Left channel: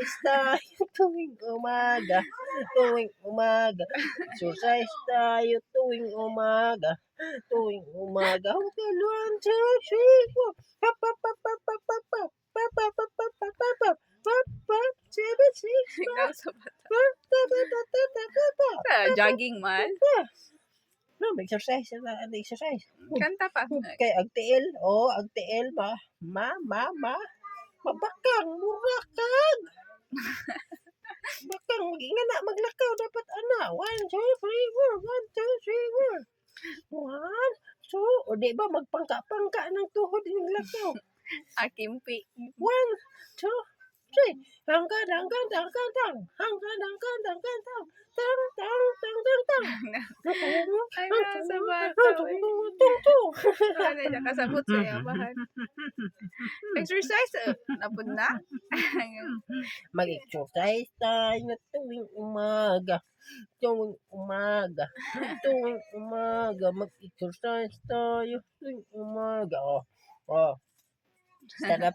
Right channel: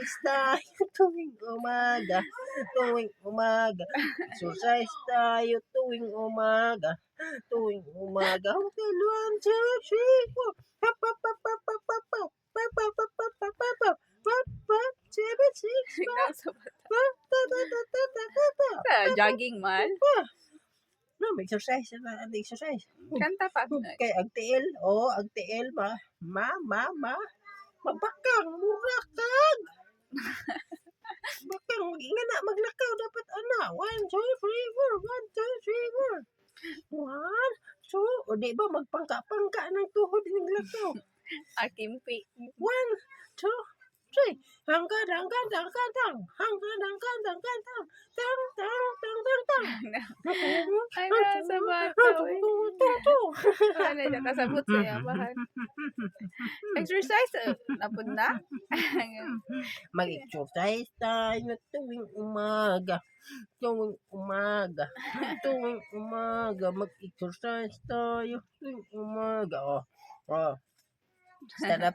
Exercise tayo tuwing umaga. Tuwing umaga. Exercise tayo tuwing umaga. Tuwing umaga. Okay, 1, 2, 3, 4. Pop, pop, pop, pop, pop, pop, pop. Pop, pop, pop, pop, pop, pop, pop. 5, 7, 6, Ikaw sa bata. 5. Jogging man. No, exercise na exercise. Kanta pa. Kay agtiil, agtiil mabakang murakag. Bakang ingana maglakaw dapat ana. 1, 2, 3, 4. 1, 2, 3, 4. 1, 2, o di ba magpangka-pangka ng tuhod ng lakaw. Akimpi. 1, 2, 3. Hanggang hanggang hanggang tang. Hanggang hanggang hanggang tang. Tang tang tang tang tang. Ano sa bata eh. Ano siya kasabot sa yabahan. Exercise napud na. Mag-exercise tayo tuwing umaga. Tuwing umaga. Tuwing umaga. Mag-exercise tayo tuwing umaga. Sarap